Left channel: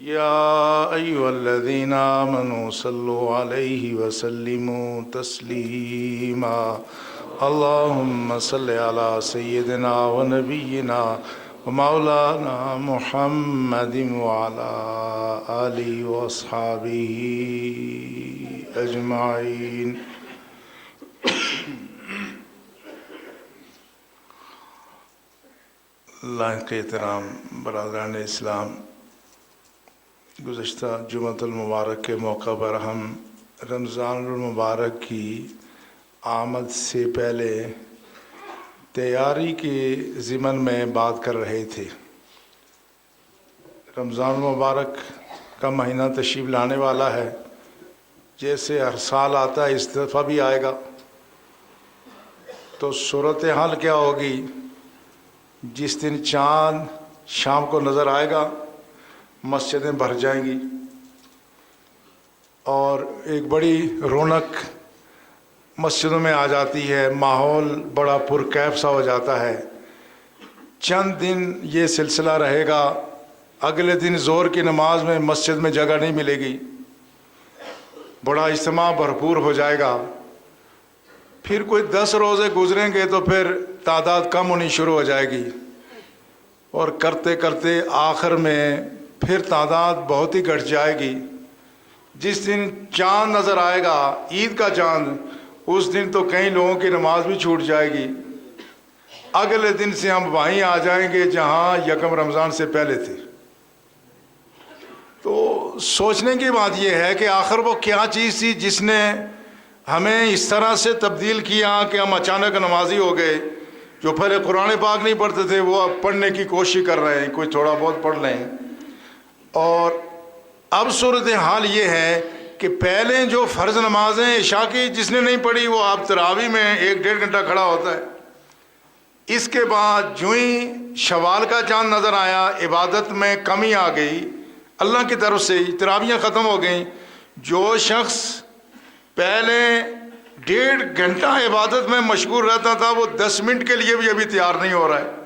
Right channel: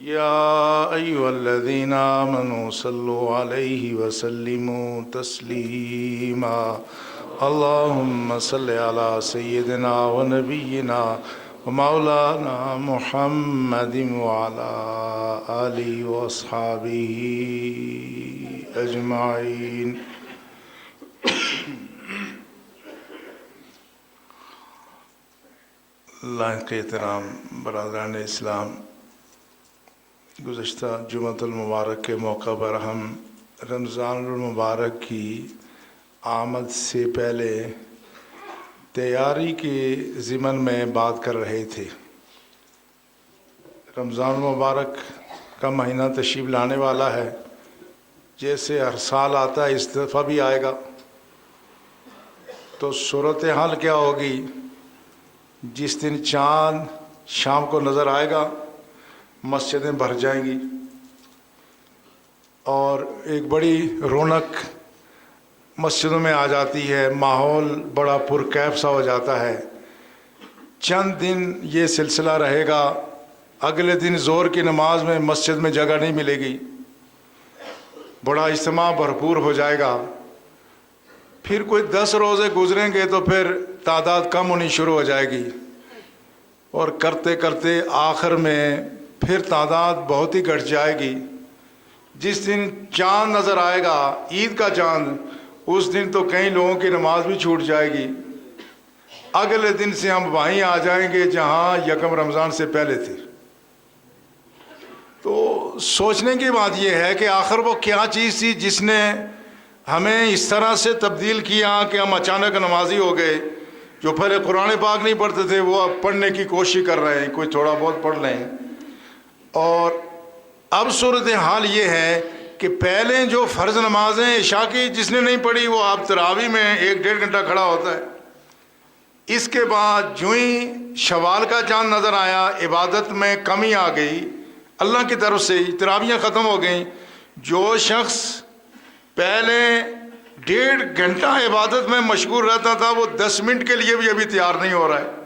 يا أيها الذين آمنوا صلوا عليه وسلموا تسليما اللهم صل على سيدنا ونبينا ومولانا محمد وعلى آله وأصحابه أجمعين. اللہ کے احترام برادران اسلام، گزشتہ جمعۃ المبارک کے موقع پر ہم رمضان المبارک کی آمد سے پہلے تیاری کے ضمن میں بات کر رہے تھے۔ رمضان المبارک کا مہینہ تشریف لانے والا ہے، جیسے ہر سال آتا ہے اس دفعہ بھی آئے گا، تو صورتحال کیا ہوگی؟ جس دن چاند شام کو نظر آئے گا مسجدیں بھر جائیں گی اور ایک بڑی رونق مسجدوں میں آ جاتی ہے، ماحول بڑا پرکیف سا ہو جاتا ہے۔ چند دن یہ سلسلہ رہے گا، اگلے دن ظہر کی نماز میں مسجد میں جگہ نہیں ملے گی، بڑا اجتماع بھرپور ہو جائے گا۔ پھر کوئی 10 روزے گزریں گے تو پھر تعداد کم ہونی شروع ہو جائے گی، اور کرتے کرتے آخر میں پھر تعداد بہت ہی گھٹ جائے گی۔ جس دن چاند نظر آئے گا، عید کا چاند، اس دن تو کئی لوگوں کی نماز بھی چھوٹ جائے گی۔ اگلے دن سے ہم وہیں آ جائیں گے جہاں یکم رمضان سے پہلے تھے۔ تو سوچنے کی بات یہ ہے کہ آخر وہ کیا چیز تھی جس نے ہمیں اس طرح سے تبدیل کیا کہ ہم اچانک نمازی ہو گئے۔ جو پہلے قرآن پاک نہیں پڑھتے تھے وہ اب پڑھنے کی کوشش کر رہے ہیں، کوئی تھوڑا بہت پڑھ لیں۔ اور اب صورتحال یہ ہے کہ پہلے جو فرض نمازیں عشاء کی جس نے نہیں پڑھی وہ آپ تراویح میں 1-1.5 گھنٹہ کھڑا ہوتا ہے۔ اس کے بعد جو ہی شوال کا چاند نظر آیا، عبادت میں کمی آ گئی، اللہ کی طرف سے تراویحیں ختم ہو گئیں۔ جو شخص پہلے 1.5 گھنٹہ عبادت میں مشغول رہتا تھا وہ 10 منٹ کے لیے بھی ابھی تیار نہیں ہو رہا ہے۔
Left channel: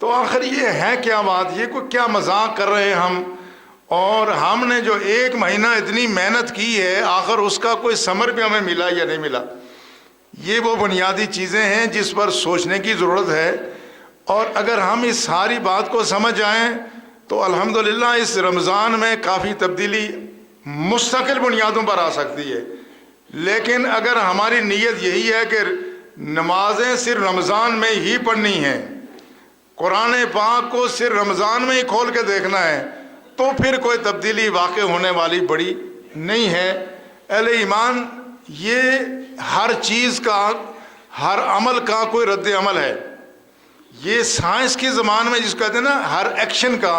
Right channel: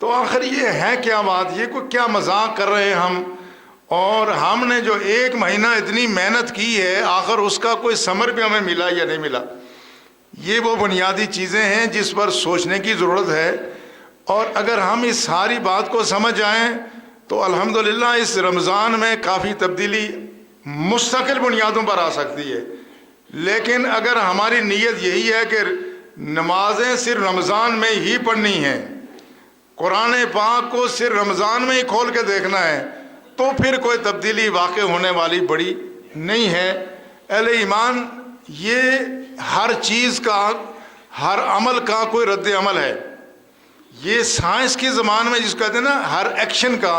تو آخر یہ ہے کیا بات؟ یہ کوئی کیا مذاق کر رہے ہیں ہم؟ اور ہم نے جو 1 مہینہ اتنی محنت کی ہے، آخر اس کا کوئی ثمر بھی ہمیں ملا یا نہیں ملا؟ یہ وہ بنیادی چیزیں ہیں جس پر سوچنے کی ضرورت ہے۔ اور اگر ہم اس ساری بات کو سمجھ جائیں تو الحمدللہ اس رمضان میں کافی تبدیلی مستقل بنیادوں پر آ سکتی ہے۔ لیکن اگر ہماری نیت یہی ہے کہ نمازیں صرف رمضان میں ہی پڑھنی ہیں، قرآن پاک کو صرف رمضان میں ہی کھول کے دیکھنا ہے، تو پھر کوئی تبدیلی واقع ہونے والی بڑی نہیں ہے۔ اہل ایمان، یہ ہر چیز کا، ہر عمل کا کوئی رد عمل ہے۔ یہ سائنس کی زبان میں جس کو کہتے ہیں نا، ہر ایکشن کا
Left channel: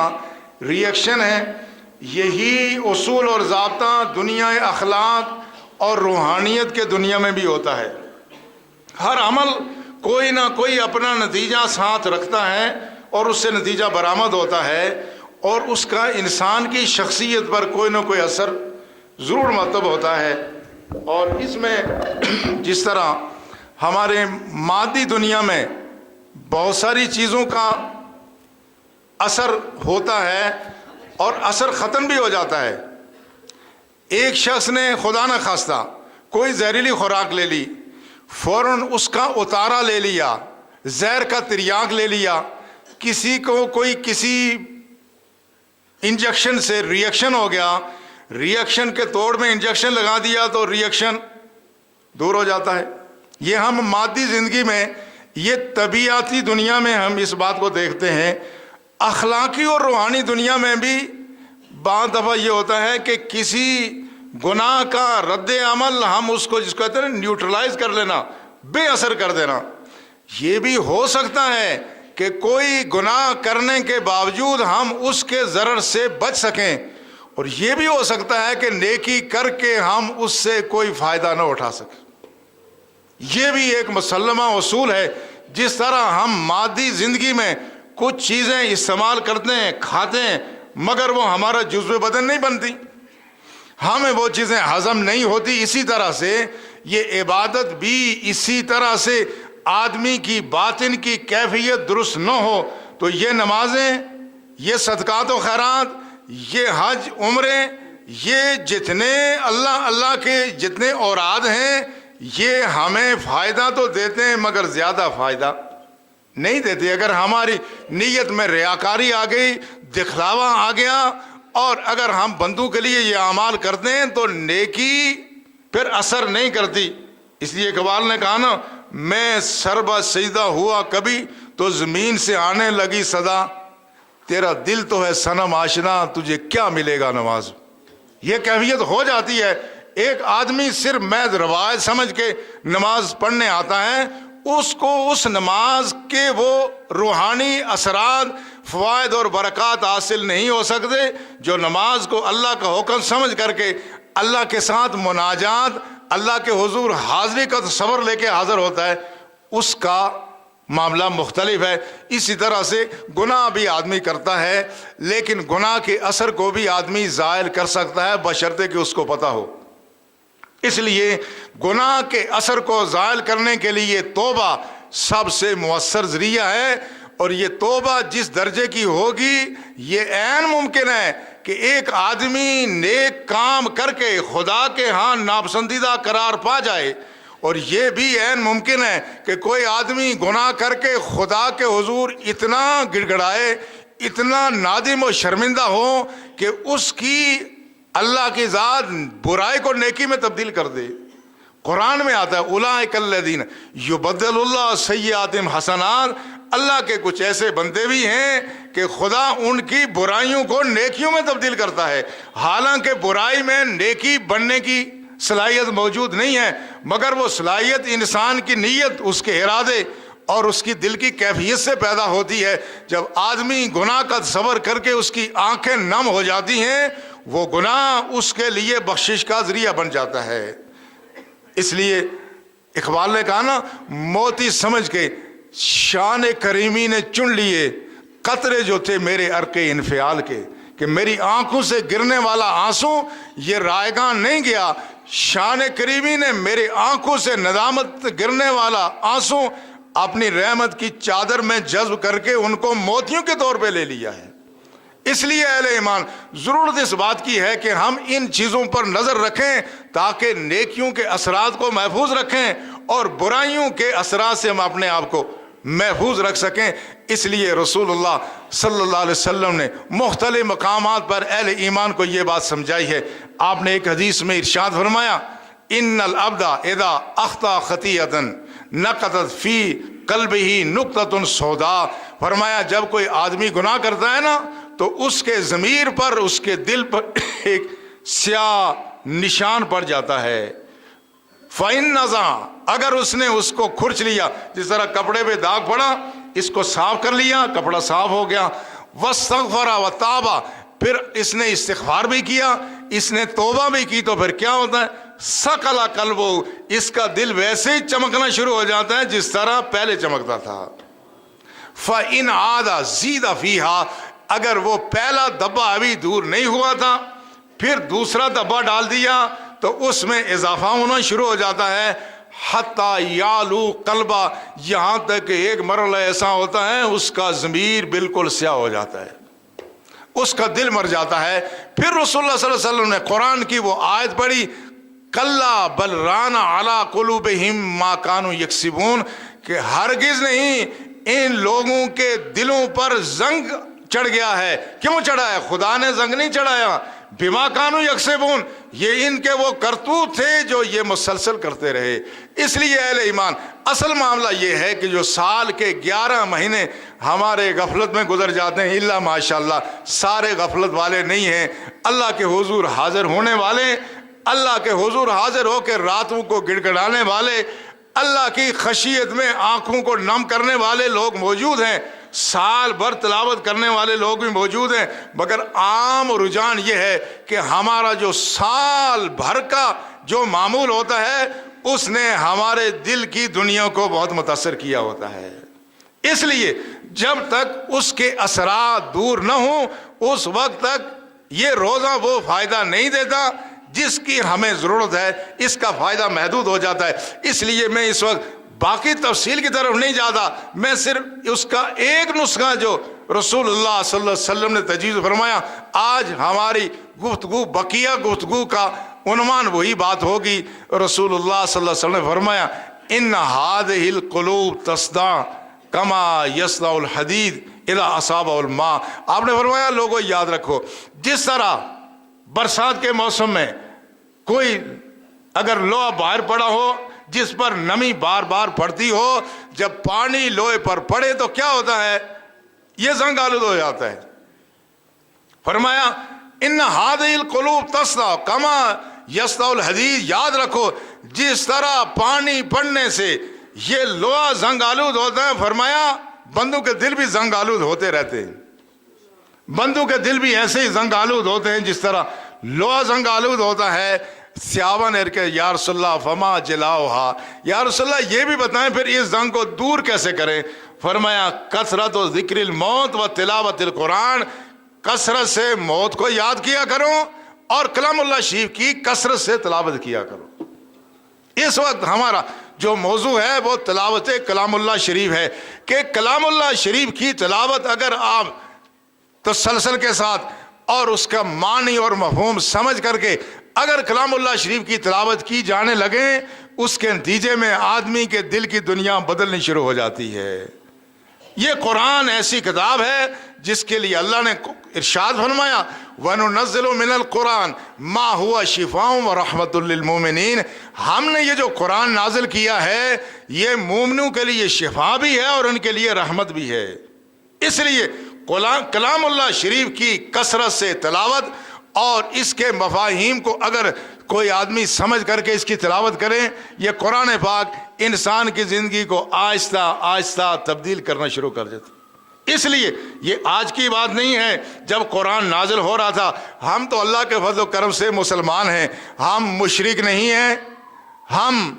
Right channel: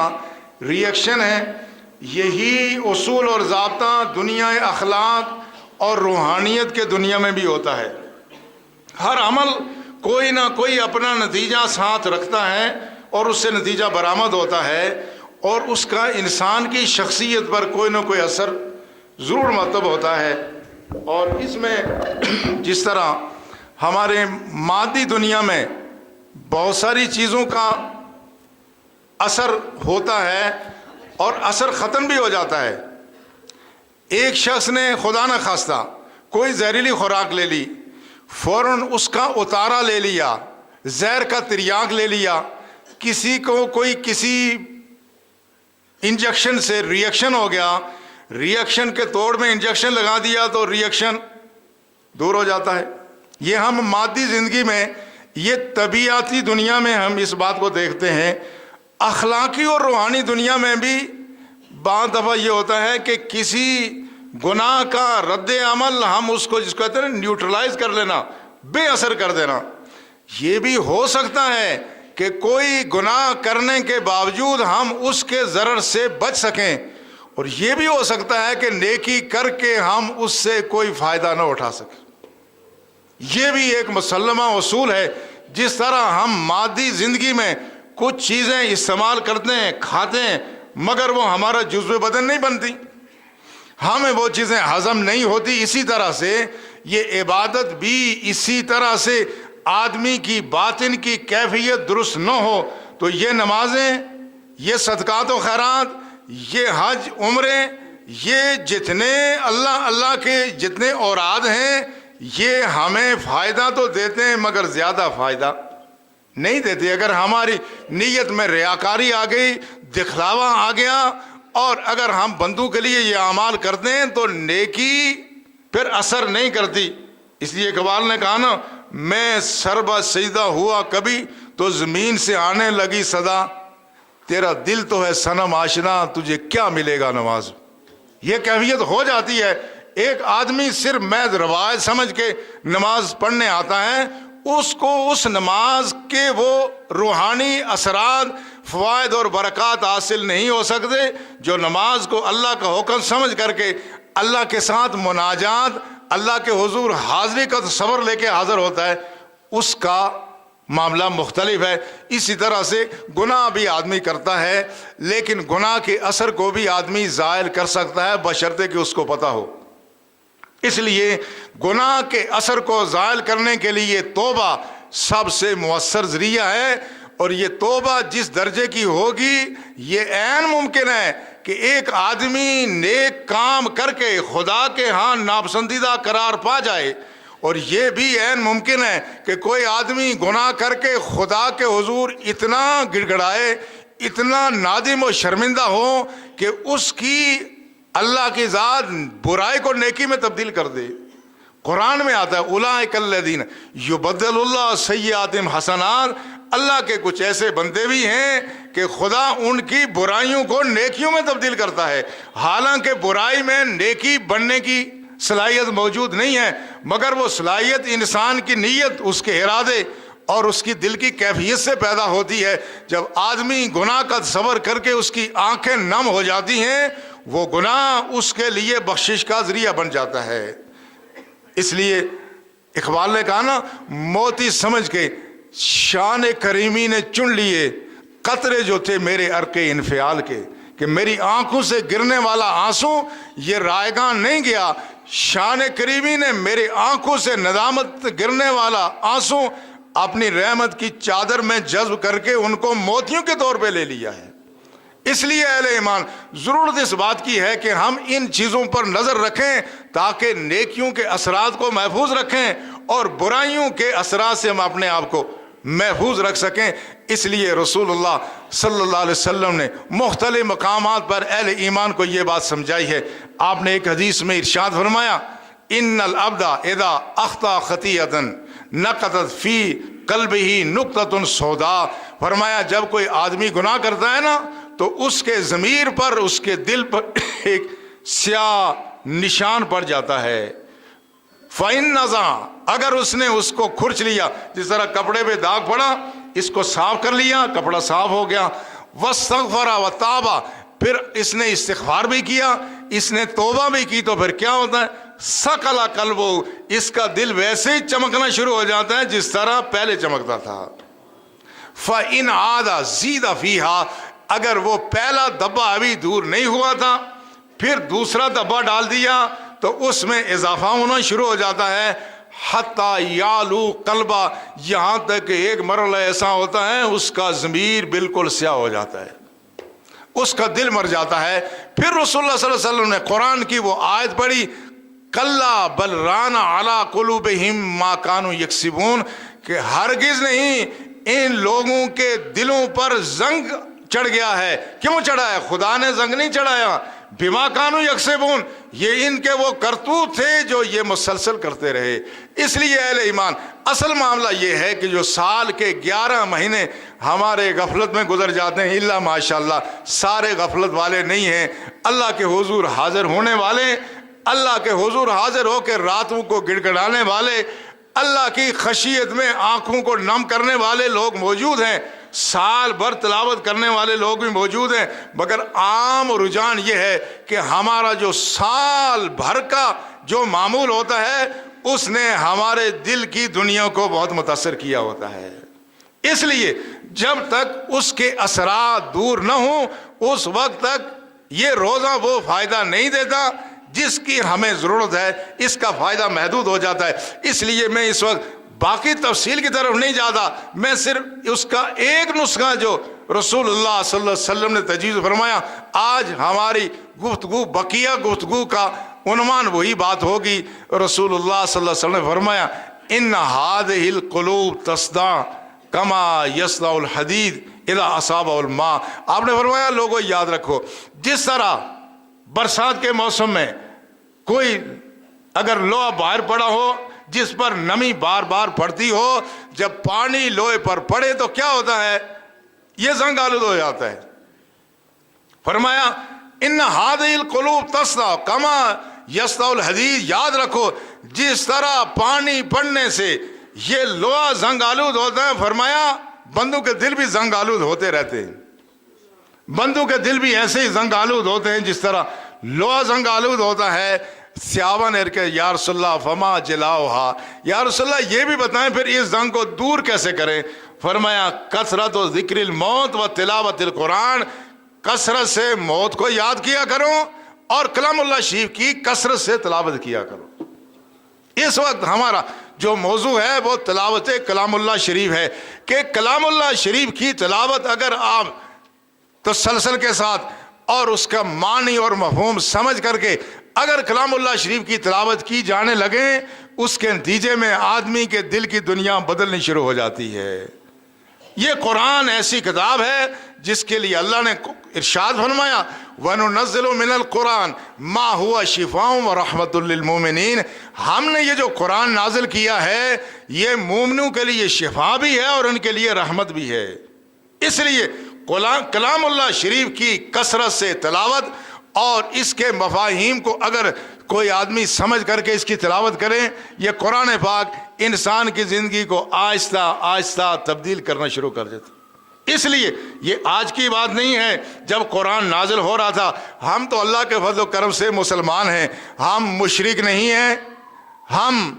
ری ایکشن ہے۔ یہی اصول اور ضابطہ دنیا اخلاق اور روحانیت کے دنیا میں بھی ہوتا ہے۔ ہر عمل کوئی نہ کوئی اپنا نتیجہ ساتھ رکھتا ہے اور اس سے نتیجہ برآمد ہوتا ہے، اور اس کا انسان کی شخصیت پر کوئی نہ کوئی اثر ضرور مرتب ہوتا ہے۔ اور اس میں جس طرح ہمارے مادی دنیا میں بہت ساری چیزوں کا اثر ہوتا ہے اور اثر ختم بھی ہو جاتا ہے۔ ایک شخص نے خدا نہ خواستہ کوئی زہریلی خوراک لے لی، فوراً اس کا اتارا لے لیا، زہر کا تریاق لے لیا، کسی کو کوئی کسی انجیکشن سے ری ایکشن ہو گیا، ری ایکشن کے توڑ میں انجیکشن لگا دیا تو ری ایکشن دور ہو جاتا ہے۔ یہ ہم مادی زندگی میں، یہ طبیعتی دنیا میں ہم اس بات کو دیکھتے ہیں۔ اخلاقی اور روحانی دنیا میں بھی بعض دفعہ یہ ہوتا ہے کہ کسی گناہ کا رد عمل ہم اس کو جس کو کہتے ہیں نیوٹرلائز کر لینا، بے اثر کر دینا۔ یہ بھی ہو سکتا ہے کہ کوئی گناہ کرنے کے باوجود ہم اس کے ضرر سے بچ سکیں، اور یہ بھی ہو سکتا ہے کہ نیکی کر کے ہم اس سے کوئی فائدہ نہ اٹھا سکیں۔ یہ بھی ایک مسلمہ اصول ہے۔ جس طرح ہم مادی زندگی میں کچھ چیزیں استعمال کرتے ہیں، کھاتے ہیں، مگر وہ ہمارا جزو بدن نہیں بنتی، ہمیں وہ چیزیں ہضم نہیں ہوتی، اسی طرح سے یہ عبادت بھی اسی طرح سے آدمی کی باطن کی کیفیت درست نہ ہو تو یہ نمازیں، یہ صدقات و خیرات، یہ حج عمرے یہ جتنے اللہ کے جتنے اوراد ہیں یہ ہمیں فائدہ تو دیتے ہیں مگر زیادہ فائدہ نہیں دیتے. اگر ہماری نیت میں ریاکاری آ گئی, دکھلاوا آ گیا, اور اگر ہم بندوں کے لیے یہ اعمال کرتے ہیں تو نیکی پھر اثر نہیں کرتی. اس لیے اقبال نے کہا نا, میں سربا سجدہ ہوا کبھی تو زمین سے آنے لگی صدا, تیرا دل تو ہے صنم آشنا تجھے کیا ملے گا نماز. یہ کیفیت ہو جاتی ہے. ایک آدمی صرف محض روایت سمجھ کے نماز پڑھنے آتا ہے, اس کو اس نماز کے وہ روحانی اثرات فوائد اور برکات حاصل نہیں ہو سکتے جو نماز کو اللہ کا حکم سمجھ کر کے اللہ کے ساتھ مناجات, اللہ کے حضور حاضری کا تصور لے کے حاضر ہوتا ہے. اس کا معاملہ مختلف ہے. اسی طرح سے گناہ بھی آدمی کرتا ہے, لیکن گناہ کے اثر کو بھی آدمی زائل کر سکتا ہے بشرطے کہ اس کو پتہ ہو. اس لیے گناہ کے اثر کو زائل کرنے کے لیے توبہ سب سے مؤثر ذریعہ ہے. اور یہ توبہ جس درجے کی ہوگی یہ عین ممکن ہے کہ ایک آدمی نیک کام کر کے خدا کے ہاں ناپسندیدہ قرار پا جائے, اور یہ بھی عین ممکن ہے کہ کوئی آدمی گناہ کر کے خدا کے حضور اتنا گڑ گڑائے, اتنا نادم و شرمندہ ہو کہ اس کی اللہ کی ذات برائی کو نیکی میں تبدیل کر دے. قرآن میں آتا ہے اولئک الذین یبدل اللہ سیئاتہم حسنات, اللہ کے کچھ ایسے بندے بھی ہیں کہ خدا ان کی برائیوں کو نیکیوں میں تبدیل کرتا ہے. حالانکہ برائی میں نیکی بننے کی صلاحیت موجود نہیں ہے, مگر وہ صلاحیت انسان کی نیت, اس کے ارادے اور اس کی دل کی کیفیت سے پیدا ہوتی ہے. جب آدمی گناہ کا تصور کر کے اس کی آنکھیں نم ہو جاتی ہیں, وہ گناہ اس کے لیے بخشش کا ذریعہ بن جاتا ہے. اس لیے اقبال نے کہا نا, موتی سمجھ کے شان کریمی نے چن لیے قطرے جو تھے میرے عرق انفعال کے, کہ میری آنکھوں سے گرنے والا آنسو یہ رائگاں نہیں گیا. شان کریمی نے میرے آنکھوں سے ندامت گرنے والا آنسو اپنی رحمت کی چادر میں جذب کر کے ان کو موتیوں کے طور پہ لے لیا ہے. اس لیے اہل ایمان ضرورت اس بات کی ہے کہ ہم ان چیزوں پر نظر رکھیں تاکہ نیکیوں کے اثرات کو محفوظ رکھیں اور برائیوں کے اثرات سے ہم اپنے آپ کو محفوظ رکھ سکیں. اس لیے رسول اللہ صلی اللہ علیہ وسلم نے مختلف مقامات پر اہل ایمان کو یہ بات سمجھائی ہے. آپ نے ایک حدیث میں ارشاد فرمایا, ان العبد اذا اخطا خطیئۃ نقطت فی قلبہ نقطۃ سوداء. فرمایا جب کوئی آدمی گناہ کرتا ہے نا تو اس کے ضمیر پر, اس کے دل پر ایک سیاہ نشان پڑ جاتا ہے. فَإِن نَزَعَ, اگر اس نے اس کو کھرچ لیا, جس طرح کپڑے پہ داغ پڑا, اس کو صاف کر لیا, کپڑا صاف ہو گیا. وَاسْتَغْفَرَ وَتَابَ, پھر اس نے استغفار بھی کیا, اس نے توبہ بھی کی, تو پھر کیا ہوتا ہے؟ سَقَلَ قَلْبُهُ, اس کا دل ویسے ہی چمکنا شروع ہو جاتا ہے جس طرح پہلے چمکتا تھا. فَإِنْ عَادَ زِيدَ فِيهَا, اگر وہ پہلا دبا ابھی دور نہیں ہوا تھا پھر دوسرا دبا ڈال دیا تو اس میں اضافہ ہونا شروع ہو جاتا ہے. حتی یالو قلبہ, یہاں تک کہ ایک مرحلہ ایسا ہوتا ہے اس کا ضمیر بالکل سیاہ ہو جاتا ہے, اس کا دل مر جاتا ہے. پھر رسول اللہ صلی اللہ علیہ وسلم نے قرآن کی وہ آیت پڑھی, کلا بل ران علی قلوبہم ما کانوا یکسبون, کہ ہرگز نہیں, ان لوگوں کے دلوں پر زنگ چڑھ گیا ہے. کیوں چڑھا ہے؟ خدا نے زنگ نہیں چڑھایا, بما کانوا یکسبون, یہ ان کے وہ کرتوت تھے جو یہ مسلسل کرتے رہے. اس لیے اہل ایمان اصل معاملہ یہ ہے کہ جو سال کے 11 مہینے ہمارے غفلت میں گزر جاتے ہیں, اللہ ماشاءاللہ سارے غفلت والے نہیں ہیں, اللہ کے حضور حاضر ہونے والے, اللہ کے حضور حاضر ہو کے راتوں کو گڑ گڑانے والے, اللہ کی خشیت میں آنکھوں کو نم کرنے والے لوگ موجود ہیں, سال بھر تلاوت کرنے والے لوگ بھی موجود ہیں. مگر عام رجحان یہ ہے کہ ہمارا جو سال بھر کا جو معمول ہوتا ہے اس نے ہمارے دل کی دنیا کو بہت متاثر کیا ہوتا ہے. اس لیے جب تک اس کے اثرات دور نہ ہوں اس وقت تک یہ روزہ وہ فائدہ نہیں دیتا جس کی ہمیں ضرورت ہے, اس کا فائدہ محدود ہو جاتا ہے. اس لیے میں اس وقت باقی تفصیل کی طرف نہیں جاتا، میں صرف اس کا ایک نسخہ جو رسول اللہ صلی اللہ علیہ وسلم نے تجویز فرمایا، آج ہماری گفتگو بقیہ گفتگو کا عنوان وہی بات ہوگی۔ رسول اللہ صلی اللہ علیہ وسلم نے فرمایا ان هذه القلوب تصدع کما یصدع الحدید اذا اصابہ الماء۔ آپ نے فرمایا لوگوں یاد رکھو، جس طرح برسات کے موسم میں کوئی اگر لوہا باہر پڑا ہو جس پر نمی بار بار پڑتی ہو، جب پانی لوہے پر پڑے تو کیا ہوتا ہے؟ یہ زنگ آلود ہو جاتا ہے۔ فرمایا ان هذه القلوب تصدع کما یصدع الحدید، یاد رکھو جس طرح پانی پڑنے سے یہ لوہا زنگ آلود ہوتا ہے، فرمایا بندوں کے دل بھی زنگ آلود ہوتے رہتے ہیں۔ بندوں کے دل بھی ایسے ہی زنگ آلود ہوتے ہیں جس طرح لوہا زنگ آلود ہوتا ہے۔ صحابہ نے کہا یا رسول اللہ فما جلاؤہا، یا رسول اللہ یہ بھی بتائیں پھر اس زنگ کو دور کیسے کریں؟ فرمایا کثرت و ذکر الموت و تلاوت القرآن، کثرت سے موت کو یاد کیا کرو اور کلام اللہ شریف کی کثرت سے تلاوت کیا کرو۔ اس وقت ہمارا جو موضوع ہے وہ تلاوت کلام اللہ شریف ہے کہ کلام اللہ شریف کی تلاوت اگر آپ تسلسل کے ساتھ اور اس کا معنی اور مفہوم سمجھ کر کے اگر کلام اللہ شریف کی تلاوت کی جانے لگیں، اس کے نتیجے میں آدمی کے دل کی دنیا بدلنی شروع ہو جاتی ہے۔ یہ قرآن ایسی کتاب ہے جس کے لیے اللہ نے ارشاد فرمایا وَنُنَزِّلُ مِنَ الْقُرْآنِ مَا هُوَ شِفَاءٌ وَرَحْمَةٌ لِّلْمُؤْمِنِينَ، ہم نے یہ جو قرآن نازل کیا ہے یہ مومنوں کے لیے شفا بھی ہے اور ان کے لیے رحمت بھی ہے۔ اس لیے کلام اللہ شریف کی کثرت سے تلاوت اور اس کے مفاہیم کو اگر کوئی آدمی سمجھ کر کے اس کی تلاوت کرے، یہ قرآن پاک انسان کی زندگی کو آہستہ آہستہ تبدیل کرنا شروع کر دیتا۔ اس لیے یہ آج کی بات نہیں ہے، جب قرآن نازل ہو رہا تھا ہم تو اللہ کے فضل و کرم سے مسلمان ہیں، ہم مشرک نہیں ہیں، ہم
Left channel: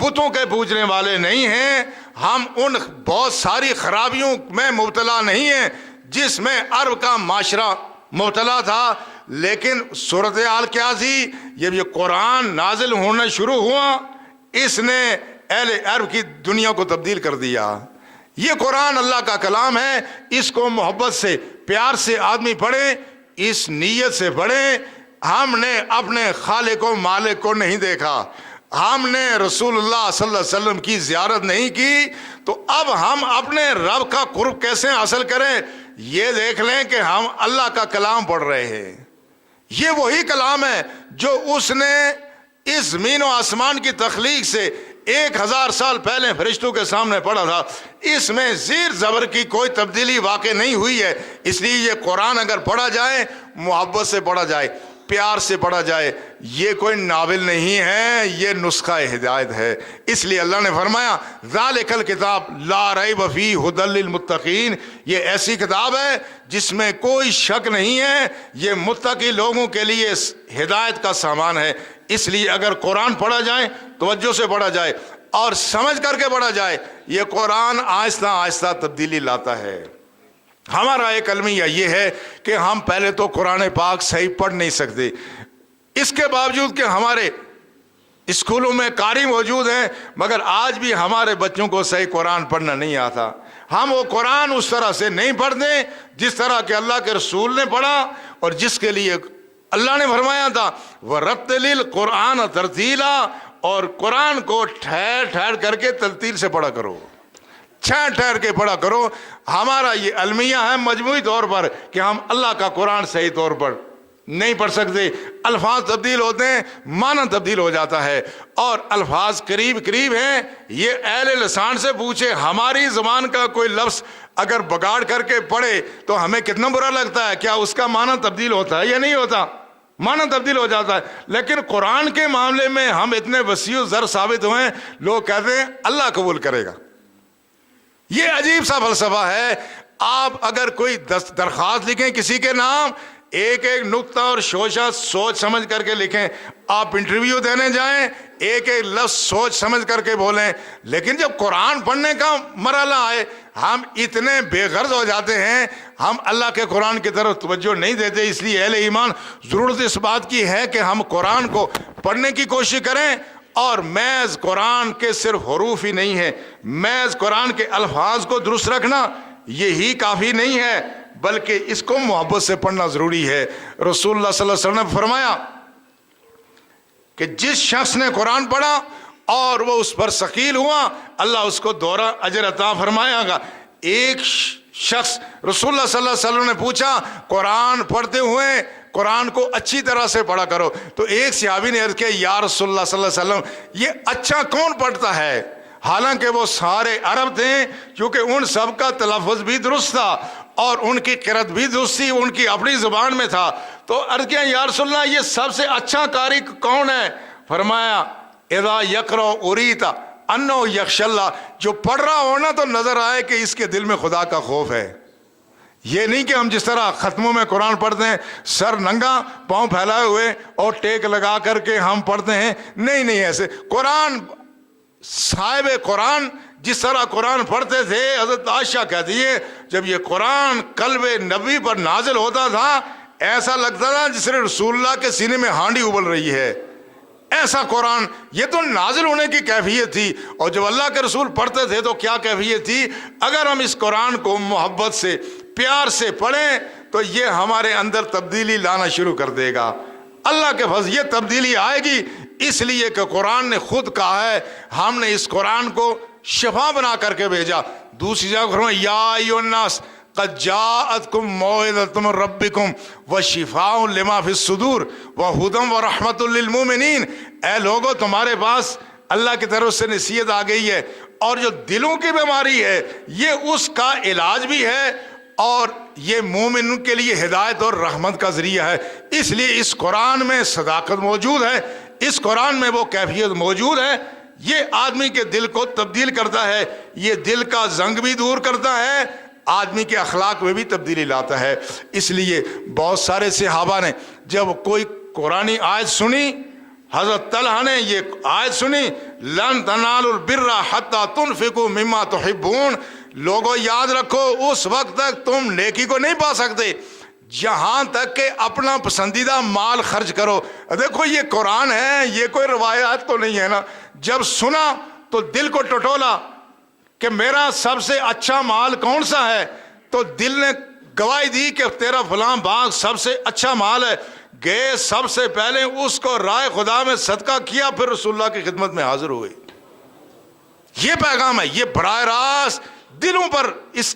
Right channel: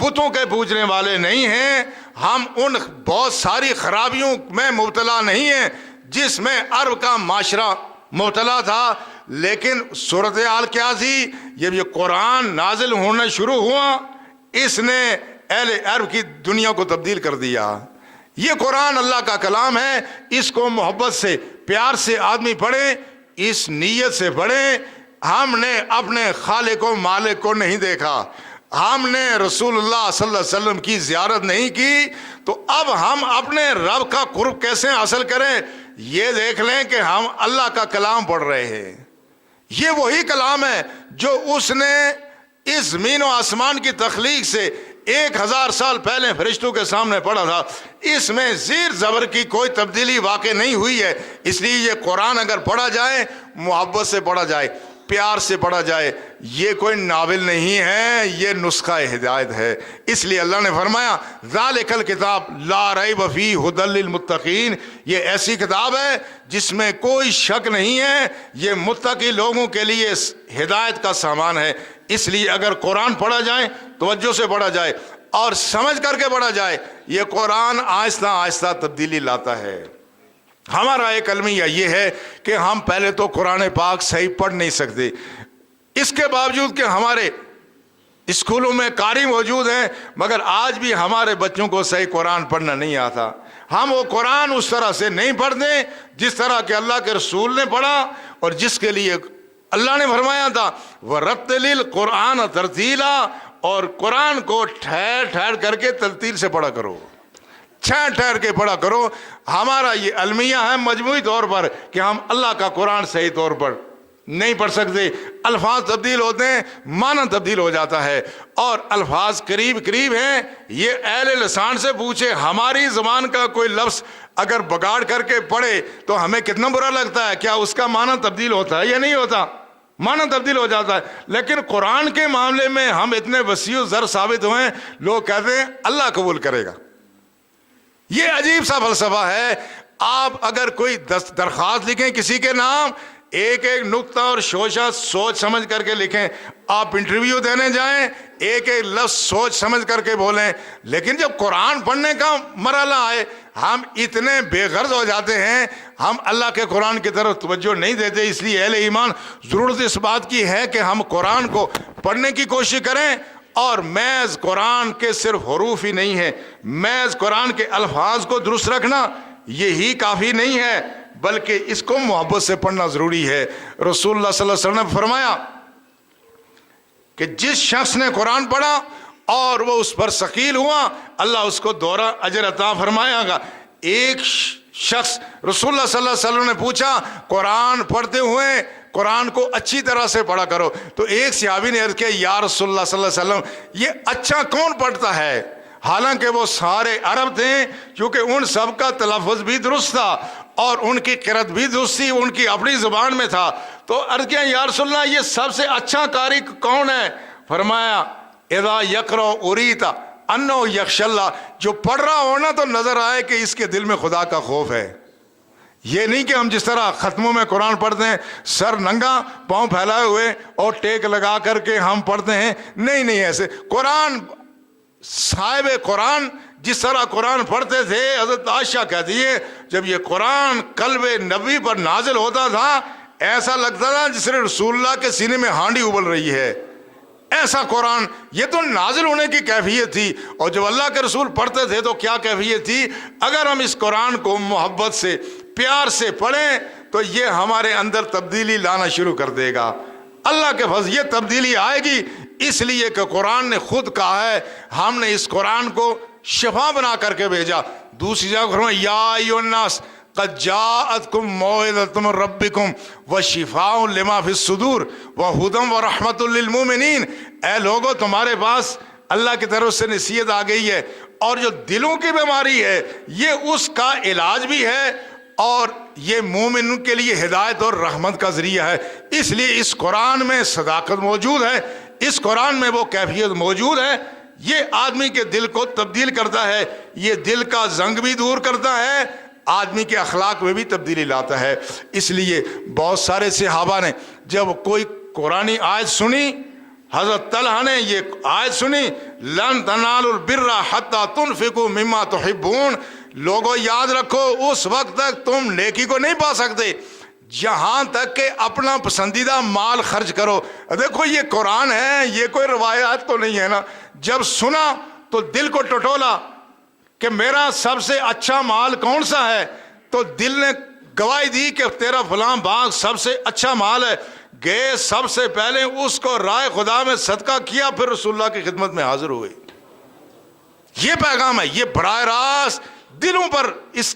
بتوں کے پوجنے والے نہیں ہیں، ہم ان بہت ساری خرابیوں میں مبتلا نہیں ہیں جس میں عرب کا معاشرہ مبتلا تھا۔ لیکن صورتحال کیا تھی؟ جب یہ قرآن نازل ہونا شروع ہوا اس نے اہل عرب کی دنیا کو تبدیل کر دیا۔ یہ قرآن اللہ کا کلام ہے، اس کو محبت سے پیار سے آدمی پڑھے، اس نیت سے پڑھے ہم نے اپنے خالق و مالک کو نہیں دیکھا، ہم نے رسول اللہ صلی اللہ علیہ وسلم کی زیارت نہیں کی، تو اب ہم اپنے رب کا قرب کیسے حاصل کریں؟ یہ دیکھ لیں کہ ہم اللہ کا کلام پڑھ رہے ہیں۔ یہ وہی کلام ہے جو اس نے اس زمین و آسمان کی تخلیق سے 1000 سال پہلے فرشتوں کے سامنے پڑھا تھا۔ اس میں زیر زبر کی کوئی تبدیلی واقع نہیں ہوئی ہے۔ اس لیے یہ قرآن اگر پڑھا جائے محبت سے پڑھا جائے، پیار سے پڑھا جائے، یہ کوئی ناول نہیں ہے، یہ نسخہ ہدایت ہے۔ اس لیے اللہ نے فرمایا ذالک الکتاب لا ریب فیہ ھدی للمتقین، یہ ایسی کتاب ہے جس میں کوئی شک نہیں ہے، یہ متقی لوگوں کے لیے ہدایت کا سامان ہے۔ اس لیے اگر قرآن پڑھا جائے توجہ سے پڑھا جائے اور سمجھ کر کے پڑھا جائے، یہ قرآن آہستہ آہستہ تبدیلی لاتا ہے۔ ہمارا ایک المیہ یہ ہے کہ ہم پہلے تو قرآن پاک صحیح پڑھ نہیں سکتے، اس کے باوجود کہ ہمارے اسکولوں میں قاری موجود ہیں، مگر آج بھی ہمارے بچوں کو صحیح قرآن پڑھنا نہیں آتا۔ ہم وہ قرآن اس طرح سے نہیں پڑھتے جس طرح کہ اللہ کے رسول نے پڑھا اور جس کے لیے اللہ نے فرمایا تھا وَرَتِّلِ الْقُرْآنَ تَرْتِیلًا، اور قرآن کو ٹھہر ٹھہر کر کے ترتیل سے پڑھا کرو، ٹھہر ٹھہر کے پڑھا کرو۔ ہمارا یہ المیہ ہے مجموعی طور پر کہ ہم اللہ کا قرآن صحیح طور پر نہیں پڑھ سکتے، الفاظ تبدیل ہوتے ہیں، معنی تبدیل ہو جاتا ہے، اور الفاظ قریب قریب ہیں۔ یہ اہل لسان سے پوچھے، ہماری زبان کا کوئی لفظ اگر بگاڑ کر کے پڑھے تو ہمیں کتنا برا لگتا ہے، کیا اس کا معنی تبدیل ہوتا ہے یا نہیں ہوتا؟ معنی تبدیل ہو جاتا ہے۔ لیکن قرآن کے معاملے میں ہم اتنے وسیع زر ثابت ہوئے ہیں، لوگ کہتے ہیں اللہ قبول کرے گا۔ یہ عجیب سا فلسفہ ہے۔ آپ اگر کوئی درخواست لکھیں کسی کے نام، ایک ایک نقطہ اور شوشہ سوچ سمجھ کر کے لکھیں۔ آپ انٹرویو دینے جائیں، ایک ایک لفظ سوچ سمجھ کر کے بولیں، لیکن جب قرآن پڑھنے کا مرحلہ آئے ہم اتنے بے غرض ہو جاتے ہیں، ہم اللہ کے قرآن کی طرف توجہ نہیں دیتے۔ اس لیے اہل ایمان ضرورت اس بات کی ہے کہ ہم قرآن کو پڑھنے کی کوشش کریں اور محض قرآن کے صرف حروف ہی نہیں ہے، محض قرآن کے الفاظ کو درست رکھنا یہی کافی نہیں ہے، بلکہ اس کو محبت سے پڑھنا ضروری ہے۔ رسول اللہ صلی اللہ علیہ وسلم نے فرمایا کہ جس شخص نے قرآن پڑھا اور وہ اس پر ثقیل ہوا، اللہ اس کو دوہرا اجر عطا فرمائے گا۔ ایک شخص رسول اللہ صلی اللہ علیہ وسلم نے پوچھا قرآن پڑھتے ہوئے قرآن کو اچھی طرح سے پڑھا کرو، تو ایک صحابی نے عرض کیا یا رسول اللہ صلی اللہ علیہ وسلم یہ اچھا کون پڑھتا ہے؟ حالانکہ وہ سارے عرب تھے، کیونکہ ان سب کا تلفظ بھی درست تھا اور ان کی قرأت بھی درست تھی، ان کی اپنی زبان میں تھا۔ تو عرض کیا یا رسول اللہ یہ سب سے اچھا قاری کون ہے؟ فرمایا اذا یقرأ اریتا انہ یخشی اللہ، جو پڑھ رہا ہونا تو نظر آئے کہ اس کے دل میں خدا کا خوف ہے۔ یہ نہیں کہ ہم جس طرح ختموں میں قرآن پڑھتے ہیں سر ننگا پاؤں پھیلائے ہوئے اور ٹیک لگا کر کے ہم پڑھتے ہیں، نہیں ایسے قرآن صاحب قرآن جس طرح قرآن پڑھتے تھے، حضرت عائشہ کہتی ہے جب یہ قرآن قلب نبی پر نازل ہوتا تھا ایسا لگتا تھا جس نے رسول اللہ کے سینے میں ہانڈی ابل رہی ہے، ایسا قرآن۔ یہ تو نازل ہونے کی کیفیت تھی، اور جب اللہ کے رسول پڑھتے تھے تو کیا کیفیت تھی۔ اگر ہم اس قرآن کو محبت سے پیار سے پڑھیں تو یہ ہمارے اندر تبدیلی لانا شروع کر دے گا۔ اللہ کے فضل یہ تبدیلی آئے گی اس لیے کہ قرآن نے خود کہا ہے، ہم نے اس قرآن کو شفا بنا کر کے بھیجا۔ دوسری جگہ فرمایا یا ایھا الناس قد جاءتکم موعظۃ من ربکم وشفاء لما فی الصدور وہدی ورحمۃ للمؤمنین، اے لوگو تمہارے پاس اللہ کی طرف سے نصیحت آ گئی ہے، اور جو دلوں کی بیماری ہے یہ اس کا علاج بھی ہے، اور یہ مومن کے لیے ہدایت اور رحمت کا ذریعہ ہے۔ اس لیے اس قرآن میں صداقت موجود ہے، اس قرآن میں وہ کیفیت موجود ہے، یہ آدمی کے دل کو تبدیل کرتا ہے، یہ دل کا زنگ بھی دور کرتا ہے، آدمی کے اخلاق میں بھی تبدیلی لاتا ہے۔ اس لیے بہت سارے صحابہ نے جب کوئی قرآنی آیت سنی، حضرت طلحہ نے یہ آیت سنی لن تنالوا البر حتی تنفقوا مما تحبون، لوگوں یاد رکھو اس وقت تک تم نیکی کو نہیں پا سکتے جہاں تک کہ اپنا پسندیدہ مال خرچ کرو۔ دیکھو یہ قرآن ہے، یہ کوئی روایات تو نہیں ہے نا۔ جب سنا تو دل کو ٹٹولا کہ میرا سب سے اچھا مال کون سا ہے، تو دل نے گواہی دی کہ تیرا فلاں باغ سب سے اچھا مال ہے۔ گئے سب سے پہلے اس کو رائے خدا میں صدقہ کیا، پھر رسول اللہ کی خدمت میں حاضر ہوئے۔ یہ پیغام ہے، یہ براہ راست دلوں پر اس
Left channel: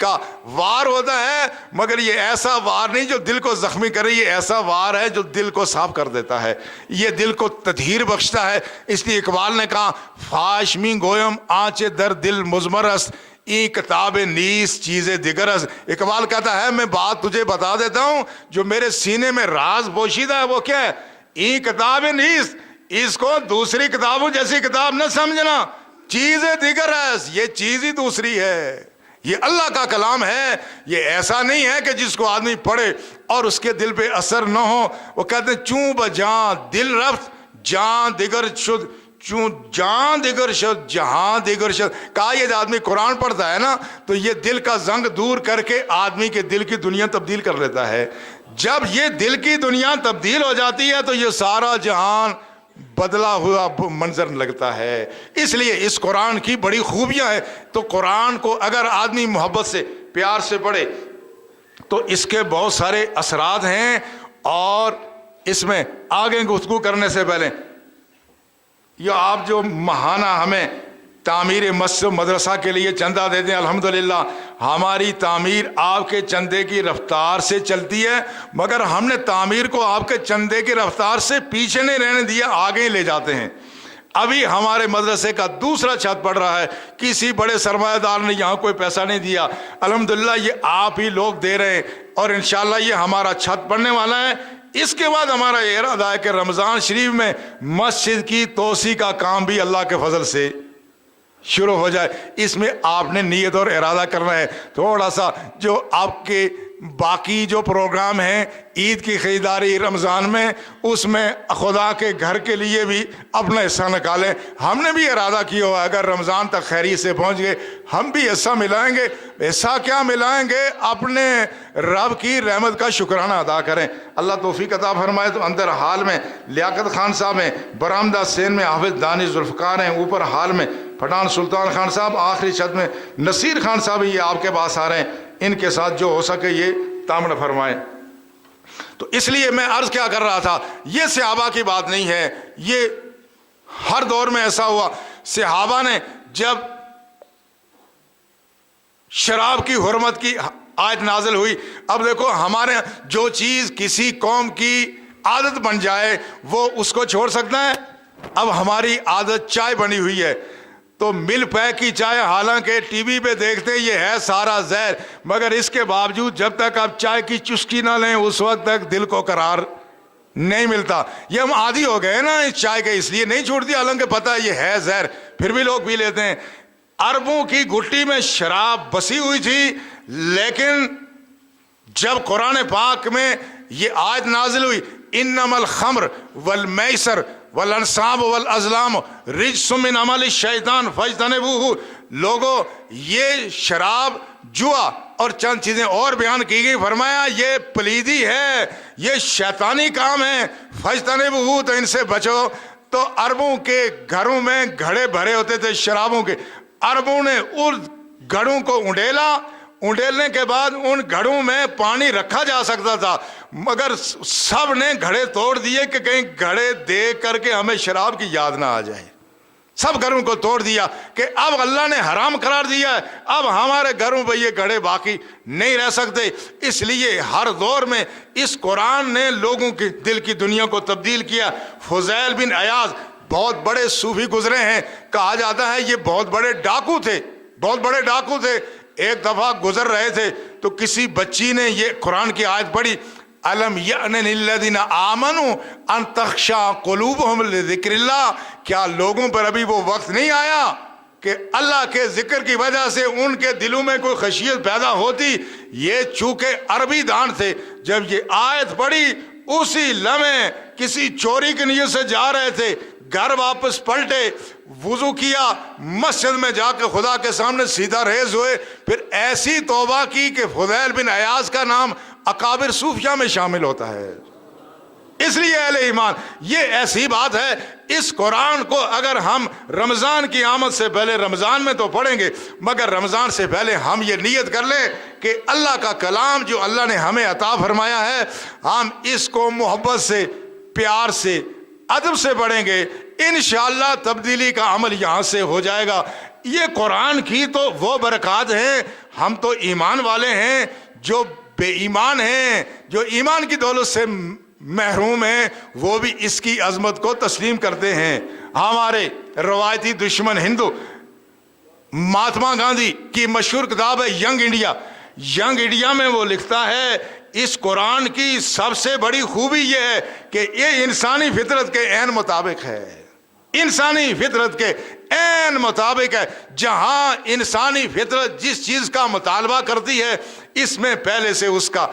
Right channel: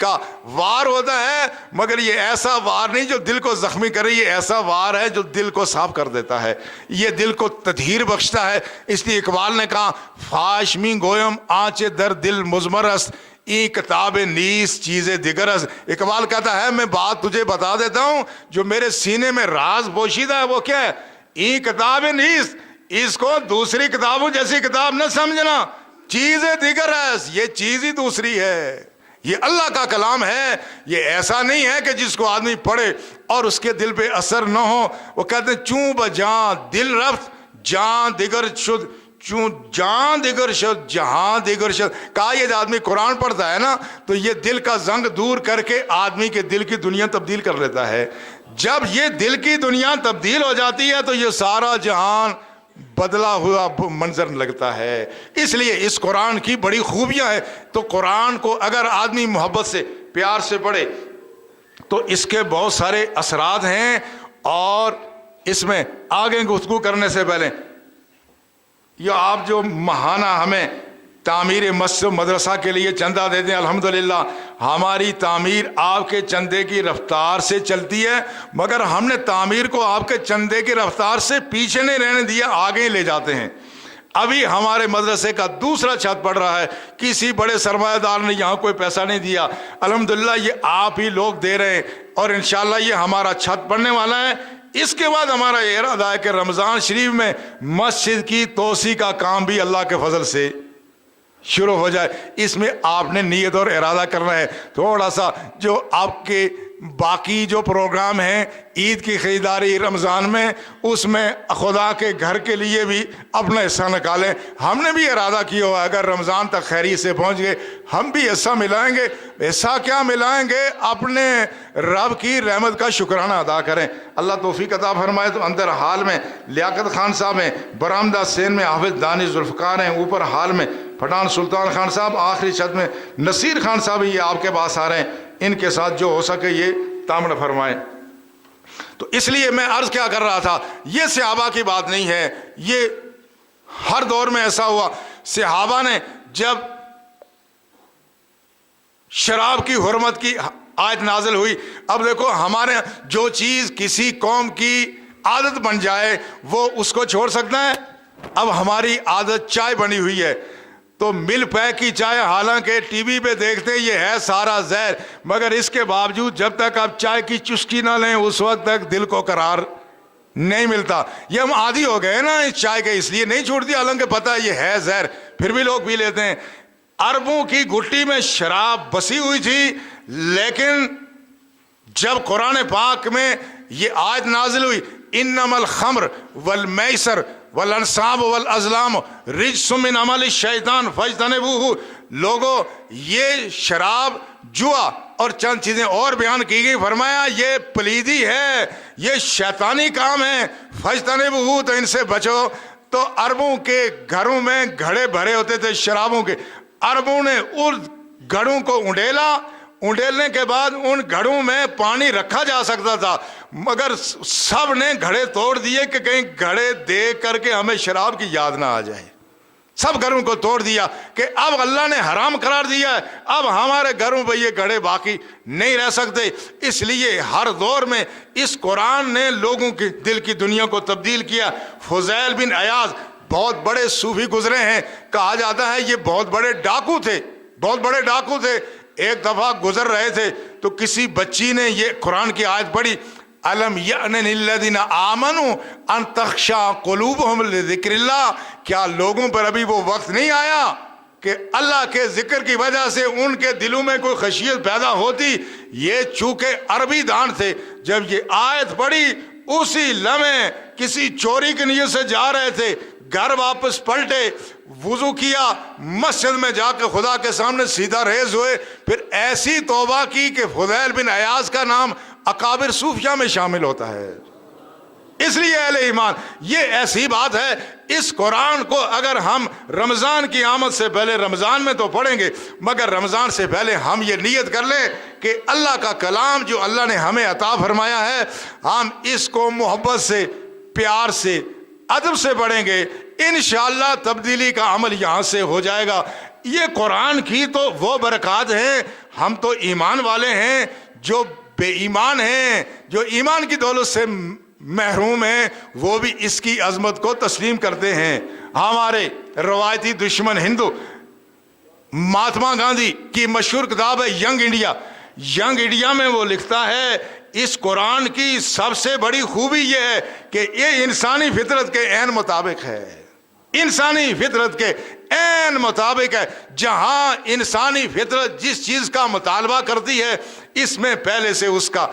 کا وار ہوتا ہے، مگر یہ ایسا وار نہیں جو دل کو زخمی کرے، یہ ایسا وار ہے جو دل کو صاف کر دیتا ہے، یہ دل کو تطہیر بخشتا ہے۔ اس لیے اقبال نے کہا فاش می گویم آنچے در دل مضمر است این کتاب نیست چیز دیگر است۔ اقبال کہتا ہے میں بات تجھے بتا دیتا ہوں جو میرے سینے میں راز پوشیدہ ہے، وہ کیا ہے؟ این کتاب نیست، اس کو دوسری کتابوں جیسی کتاب نہ سمجھنا، چیز دیگر ہے، یہ چیز ہی دوسری ہے، یہ اللہ کا کلام ہے۔ یہ ایسا نہیں ہے کہ جس کو آدمی پڑھے اور اس کے دل پہ اثر نہ ہو۔ وہ کہتے ہیں چوں بجاں دل رفت جان دیگر شد، چوں جان دیگر شد جہاں دیگر شد۔ کہا یہ آدمی قرآن پڑھتا ہے نا تو یہ دل کا زنگ دور کر کے آدمی کے دل کی دنیا تبدیل کر لیتا ہے۔ جب یہ دل کی دنیا تبدیل ہو جاتی ہے تو یہ سارا جہان بدلا ہوا منظر لگتا ہے۔ اس لیے اس قرآن کی بڑی خوبیاں ہیں۔ تو قرآن کو اگر آدمی محبت سے پیار سے پڑھے تو اس کے بہت سارے اثرات ہیں، اور اس میں آگے گفتگو کرنے سے پہلے یہ آپ جو ماہانہ ہمیں تعمیر مسجد و مدرسہ کے لیے چندہ دیتے ہیں، الحمدللہ ہماری تعمیر آپ کے چندے کی رفتار سے چلتی ہے، مگر ہم نے تعمیر کو آپ کے چندے کی رفتار سے پیچھے نہیں رہنے دیا، آگے لے جاتے ہیں۔ ابھی ہمارے مدرسے کا دوسرا چھت پڑ رہا ہے، کسی بڑے سرمایہ دار نے یہاں کوئی پیسہ نہیں دیا، الحمدللہ یہ آپ ہی لوگ دے رہے ہیں، اور انشاءاللہ یہ ہمارا چھت پڑنے والا ہے۔ اس کے بعد ہمارا یہ ارادہ ہے کہ رمضان شریف میں مسجد کی توسیع کا کام بھی اللہ کے فضل سے شروع ہو جائے۔ اس میں آپ نے نیت اور ارادہ کرنا ہے، تھوڑا سا جو آپ کے باقی جو پروگرام ہیں عید کی خریداری رمضان میں، اس میں خدا کے گھر کے لیے بھی اپنا حصہ نکالیں. ہم نے بھی ارادہ کیا ہوا اگر رمضان تک خیریت سے پہنچ گئے ہم بھی حصہ ملائیں گے. حصہ کیا ملائیں گے؟ اپنے رب کی رحمت کا شکرانہ ادا کریں. اللہ توفیق عطا فرمائے. تو اندر حال میں لیاقت خان صاحب ہیں، برآمدہ سین میں حافظ دانی ذوالفقار ہیں، اوپر حال میں پٹھان سلطان خان صاحب، آخری چھت میں نصیر خان صاحب یہ آپ کے پاس آ رہے ہیں. ان کے ساتھ جو ہو سکے یہ تعامل فرمائیں. تو اس لیے میں عرض کیا کر رہا تھا، یہ صحابہ کی بات نہیں ہے، یہ ہر دور میں ایسا ہوا. صحابہ نے جب شراب کی حرمت کی آیت نازل ہوئی، اب دیکھو ہمارے جو چیز کسی قوم کی عادت بن جائے وہ اس کو چھوڑ سکتا ہے؟ اب ہماری عادت چائے بنی ہوئی ہے تو مل پیک کی چائے، حالانکہ ٹی وی پہ دیکھتے یہ ہے سارا زہر، مگر اس کے باوجود جب تک آپ چائے کی چسکی نہ لیں اس وقت تک دل کو قرار نہیں ملتا. یہ ہم عادی ہو گئے نا اس چائے کے، اس لیے نہیں چھوڑتی، حالانکہ پتہ یہ ہے زہر پھر بھی لوگ پی لیتے ہیں. اربوں کی گھٹی میں شراب بسی ہوئی تھی، لیکن جب قرآن پاک میں یہ آیت نازل ہوئی انما الخمر والمیسر والانصاب والازلام رجس من عمل الشیطان فاجتنبوہ، لوگو یہ شراب، جوا اور چند چیزیں اور بیان کی گئی، فرمایا یہ پلیدی ہے، یہ شیطانی کام ہے، فاجتنبوہ تو ان سے بچو. تو عربوں کے گھروں میں گھڑے بھرے ہوتے تھے شرابوں کے، عربوں نے ان گھڑوں کو انڈیلنے کے بعد ان گھڑوں میں پانی رکھا جا سکتا تھا، مگر سب نے گھڑے توڑ دیے کہ کہیں گھڑے دیکھ کر کے ہمیں شراب کی یاد نہ آ جائے. سب گھروں کو توڑ دیا کہ اب اللہ نے حرام قرار دیا ہے، اب ہمارے گھروں پہ یہ گھڑے باقی نہیں رہ سکتے. اس لیے ہر دور میں اس قرآن نے لوگوں کی دل کی دنیا کو تبدیل کیا. فضیل بن عیاض بہت بڑے صوفی گزرے ہیں، کہا جاتا ہے یہ بہت بڑے ڈاکو تھے. ایک دفعہ گزر رہے تھے تو کسی بچی نے یہ قرآن کی آیت پڑھی، الم یأن للذین آمنوا ان تخشع قلوبہم لذکر اللہ، کیا لوگوں پر ابھی وہ وقت نہیں آیا کہ اللہ کے ذکر کی وجہ سے ان کے دلوں میں کوئی خشیت پیدا ہوتی. یہ چونکہ عربی دان تھے، جب یہ آیت پڑھی اسی لمحے کسی چوری کی نیت سے جا رہے تھے، گھر واپس پلٹے، وضو کیا، مسجد میں جا کے خدا کے سامنے سیدھا ریز ہوئے، پھر ایسی توبہ کی کہ فضیل بن عیاض کا نام اکابر صوفیہ میں شامل ہوتا ہے. اس لیے اہل ایمان یہ ایسی بات ہے، اس قرآن کو اگر ہم رمضان کی آمد سے پہلے، رمضان میں تو پڑھیں گے مگر رمضان سے پہلے ہم یہ نیت کر لیں کہ اللہ کا کلام جو اللہ نے ہمیں عطا فرمایا ہے ہم اس کو محبت سے، پیار سے، ادب سے پڑھیں گے، انشاءاللہ تبدیلی کا عمل یہاں سے ہو جائے گا. یہ قرآن کی تو وہ برکات ہیں. ہم تو ایمان والے ہیں، جو بے ایمان ہیں، جو ایمان کی دولت سے محروم ہیں، وہ بھی اس کی عظمت کو تسلیم کرتے ہیں. ہمارے روایتی دشمن ہندو مہاتما گاندھی کی مشہور کتاب ہے ینگ انڈیا میں وہ لکھتا ہے اس قرآن کی سب سے بڑی خوبی یہ ہے کہ یہ انسانی فطرت کے عین مطابق ہے. انسانی فطرت کے عین مطابق ہے. جہاں انسانی فطرت جس چیز کا مطالبہ کرتی ہے اس میں پہلے سے اس کا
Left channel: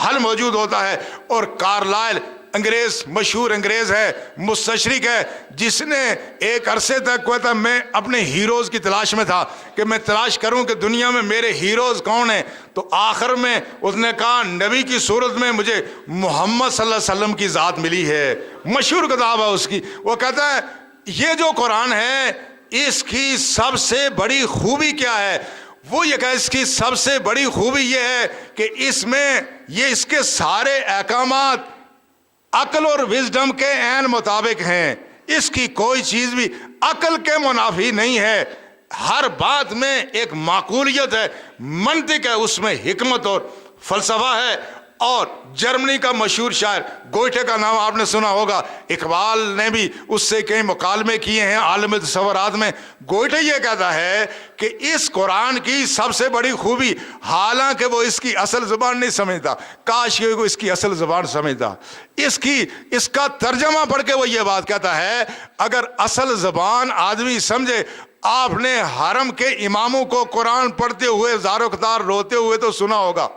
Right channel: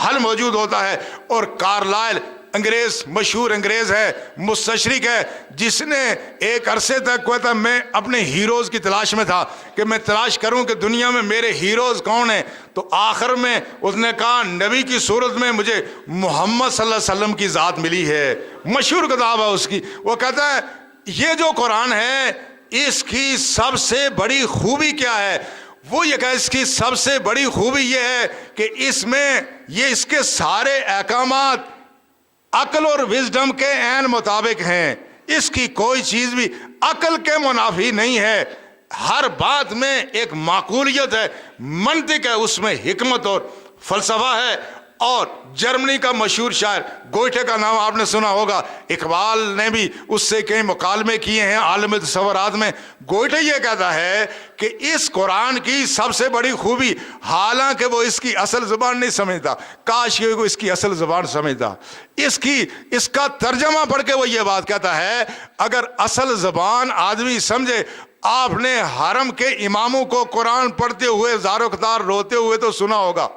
حل موجود ہوتا ہے. اور کارلائل انگریز، مشہور انگریز ہے، مستشرق ہے، جس نے ایک عرصے تک کہتا میں اپنے ہیروز کی تلاش میں تھا کہ میں تلاش کروں کہ دنیا میں میرے ہیروز کون ہیں. تو آخر میں اس نے کہا نبی کی صورت میں مجھے محمد صلی اللہ علیہ وسلم کی ذات ملی ہے. مشہور کتاب ہے اس کی. وہ کہتا ہے یہ جو قرآن ہے اس کی سب سے بڑی خوبی کیا ہے؟ وہ یہ کہ اس کی سب سے بڑی خوبی یہ ہے کہ اس میں یہ اس کے سارے احکامات عقل اور وزڈم کے عین مطابق ہیں. اس کی کوئی چیز بھی عقل کے منافی نہیں ہے. ہر بات میں ایک معقولیت ہے، منطق ہے، اس میں حکمت اور فلسفہ ہے. اور جرمنی کا مشہور شاعر گوئٹے کا نام آپ نے سنا ہوگا، اقبال نے بھی اس سے کئی مکالمے کیے ہیں عالم تصورات میں. گوئٹے یہ کہتا ہے کہ اس قرآن کی سب سے بڑی خوبی، حالانکہ وہ اس کی اصل زبان نہیں سمجھتا، کاش یہ اس کی اصل زبان سمجھتا، اس کا ترجمہ پڑھ کے وہ یہ بات کہتا ہے اگر اصل زبان آدمی سمجھے. آپ نے حرم کے اماموں کو قرآن پڑھتے ہوئے زارو قطار روتے ہوئے تو سنا ہوگا.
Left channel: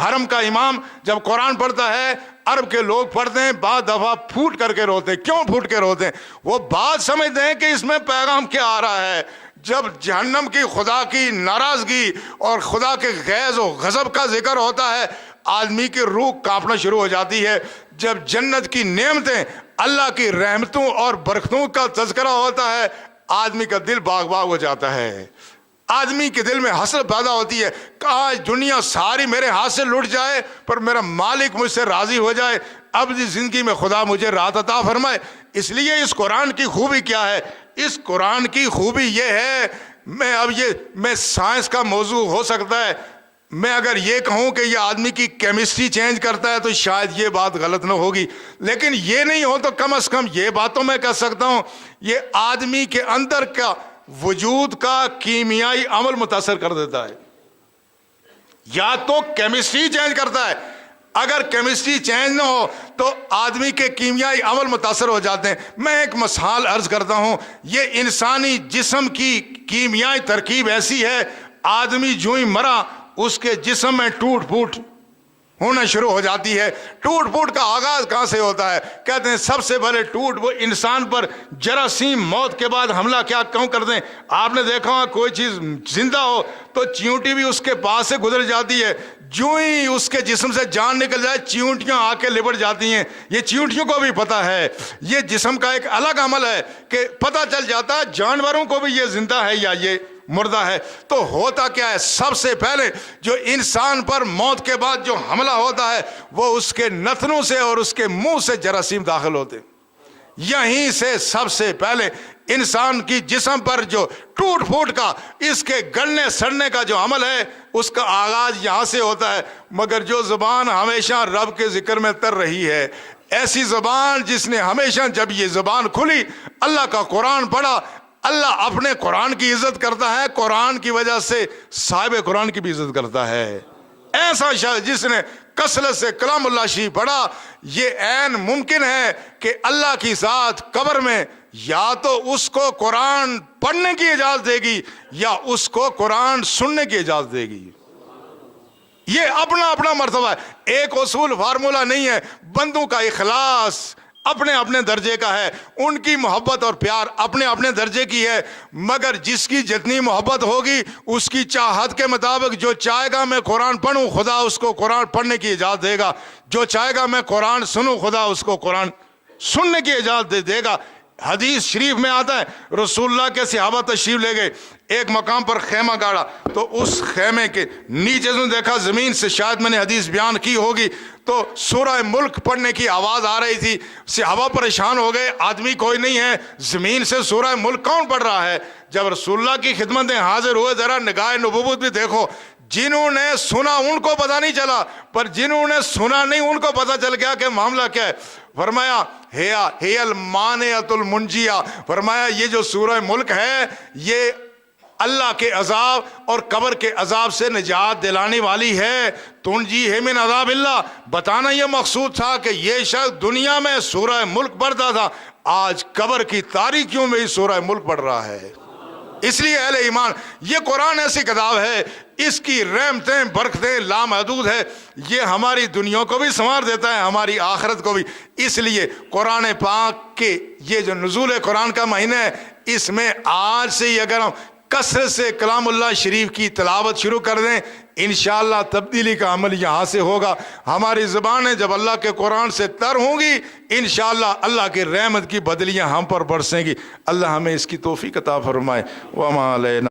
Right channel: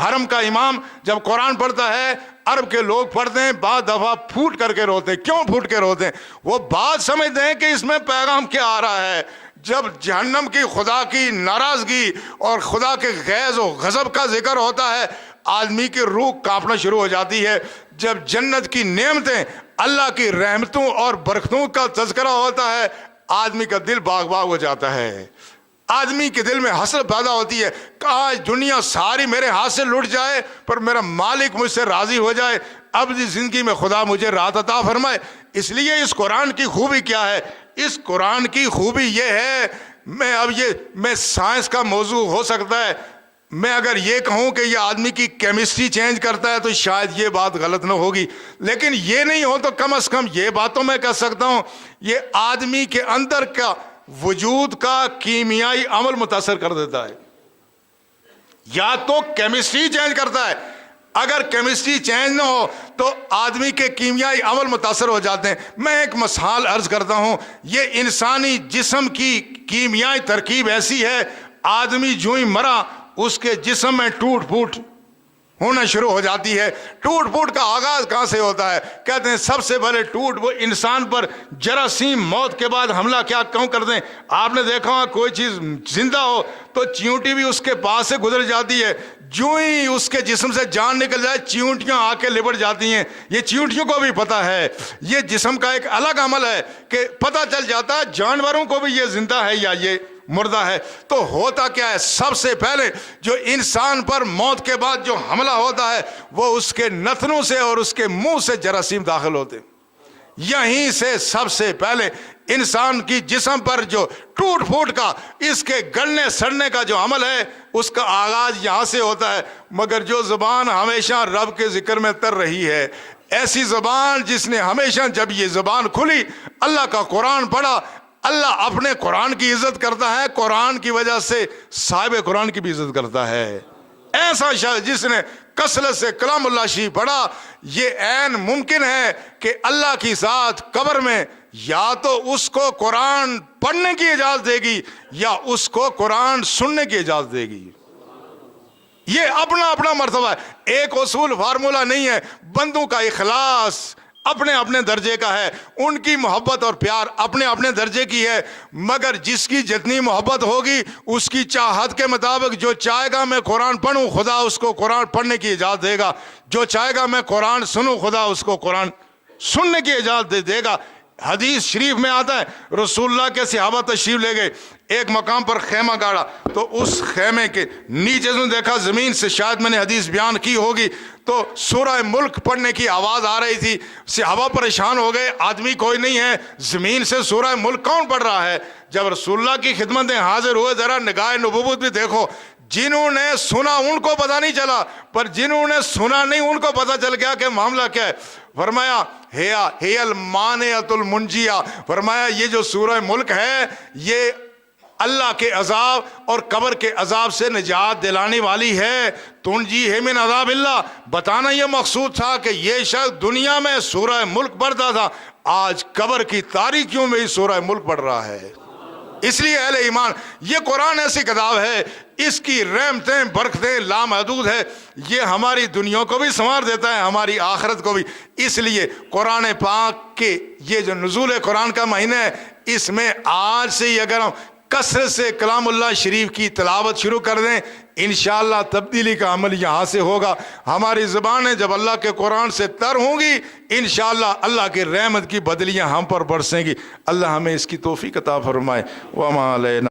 حرم کا امام جب قرآن پڑھتا ہے، عرب کے لوگ پڑھتے ہیں، بعض دفعہ پھوٹ کر کے روتے ہیں۔ کیوں پھوٹ کے روتے ہیں؟ وہ بات سمجھتے ہیں کہ اس میں پیغام کیا آ رہا ہے۔ جب جہنم کی، خدا کی ناراضگی اور خدا کے غیظ و غضب کا ذکر ہوتا ہے، آدمی کی روح کانپنا شروع ہو جاتی ہے۔ جب جنت کی نعمتیں، اللہ کی رحمتوں اور برکتوں کا تذکرہ ہوتا ہے، آدمی کا دل باغ باغ ہو جاتا ہے۔ آدمی کے دل میں حسرت پیدا ہوتی ہے، کاش دنیا ساری میرے ہاتھ سے لٹ جائے پر میرا مالک مجھ سے راضی ہو جائے، ابدی زندگی میں خدا مجھے راحت عطا فرمائے۔ اس لیے اس قرآن کی خوبی کیا ہے؟ اس قرآن کی خوبی یہ ہے، میں سائنس کا موضوع ہو سکتا ہے، میں اگر یہ کہوں کہ یہ آدمی کی کیمسٹری چینج کرتا ہے تو شاید یہ بات غلط نہ ہوگی، لیکن یہ نہیں ہو تو کم از کم یہ بات تو میں کہہ سکتا ہوں، یہ آدمی کے اندر کا وجود کا کیمیائی عمل متاثر کر دیتا ہے۔ یا تو کیمسٹری چینج کرتا ہے، اگر کیمسٹری چینج نہ ہو تو آدمی کے کیمیائی عمل متاثر ہو جاتے ہیں۔ میں ایک مثال عرض کرتا ہوں، یہ انسانی جسم کی کیمیائی ترکیب ایسی ہے، آدمی جو ہی مرا اس کے جسم میں ٹوٹ پھوٹ ہونا شروع ہو جاتی ہے۔ ٹوٹ پھوٹ کا آغاز کہاں سے ہوتا ہے؟ کہتے ہیں سب سے پہلے ٹوٹ وہ انسان پر جراثیم موت کے بعد حملہ کیا کیوں کرتے ہیں؟ آپ نے دیکھا ہو کوئی چیز زندہ ہو تو چیونٹی بھی اس کے پاس سے گزر جاتی ہے، جو ہی اس کے جسم سے جان نکل جائے چیونٹیاں آ کے لپٹ جاتی ہیں۔ یہ چیونٹیوں کو بھی پتہ ہے، یہ جسم کا ایک الگ عمل ہے کہ پتہ چل جاتا ہے جانوروں کو بھی یہ زندہ ہے یا یہ مردہ ہے۔ تو ہوتا کیا ہے؟ سب سے پہلے جو انسان پر موت کے بعد جو حملہ ہوتا ہے وہ اس کے نتنوں سے اور اس کے منہ سے جراثیم داخل ہوتے ہیں۔ یہیں سے سب سے پہلے انسان کی جسم پر جو ٹوٹ پھوٹ کا، اس کے گلنے سڑنے کا جو عمل ہے، اس کا آغاز یہاں سے ہوتا ہے۔ مگر جو زبان ہمیشہ رب کے ذکر میں تر رہی ہے، ایسی زبان جس نے ہمیشہ جب یہ زبان کھلی، اللہ کا قرآن پڑھا، اللہ اپنے قرآن کی عزت کرتا ہے، قرآن کی وجہ سے صاحب قرآن کی بھی عزت کرتا ہے۔ ایسا شخص جس نے کثرت سے کلام اللہ شریف پڑھا، یہ عین ممکن ہے کہ اللہ کی ذات قبر میں یا تو اس کو قرآن پڑھنے کی اجازت دے گی یا اس کو قرآن سننے کی اجازت دے گی۔ یہ اپنا اپنا مرتبہ ہے، ایک اصول فارمولہ نہیں ہے۔ بندوں کا اخلاص اپنے اپنے درجے کا ہے، ان کی محبت اور پیار اپنے اپنے درجے کی ہے، مگر جس کی جتنی محبت ہوگی اس کی چاہت کے مطابق، جو چاہے گا میں قرآن پڑھوں خدا اس کو قرآن پڑھنے کی اجازت دے گا، جو چاہے گا میں قرآن سنوں خدا اس کو قرآن سننے کی اجازت دے گا۔ حدیث شریف میں آتا ہے رسول اللہ کے صحابہ تشریف لے گئے، ایک مقام پر خیمہ گاڑا، تو اس خیمے کے نیچے سے دیکھا زمین سے، شاید میں نے حدیث بیان کی ہوگی، تو سورہ ملک پڑھنے کی آواز آ رہی تھی۔ صحابہ پریشان ہو گئے، آدمی کوئی نہیں ہے، زمین سے سورہ ملک کون پڑھ رہا ہے؟ جب رسول اللہ کی خدمت میں حاضر ہوئے، ذرا نگاہ نبوت بھی دیکھو، جنہوں نے سنا ان کو پتہ نہیں چلا، پر جنہوں نے سنا نہیں ان کو پتہ چل گیا کہ معاملہ کیا ہے۔ فرمایا ہے المانعۃ المنجیہ، فرمایا یہ جو سورہ ملک ہے یہ اللہ کے عذاب اور قبر کے عذاب سے نجات دلانے والی ہے۔ تنجی ہے من عذاب اللہ، بتانا یہ مقصود تھا کہ یہ شخص دنیا میں سورہ ملک پڑھتا تھا، آج قبر کی تاریکیوں میں ہی سورہ ملک پڑھ رہا ہے۔ اس لیے اہل ایمان، یہ قرآن ایسی کتاب ہے، اس کی رحمتیں برکتیں لامحدود ہے، یہ ہماری دنیا کو بھی سنوار دیتا ہے، ہماری آخرت کو بھی۔ اس لیے قرآن پاک کے یہ جو نزول قرآن کا مہینہ ہے، اس میں آج سے ہی اگر ہم کثرت سے کلام اللہ شریف کی تلاوت شروع کر دیں، انشاءاللہ تبدیلی کا عمل یہاں سے ہوگا۔ ہماری زبانیں جب اللہ کے قرآن سے تر ہوں گی، انشاءاللہ اللہ کی رحمت کی بدلیاں ہم پر برسیں گی۔ اللہ ہمیں اس کی توفیق عطا فرمائے۔ وما علینا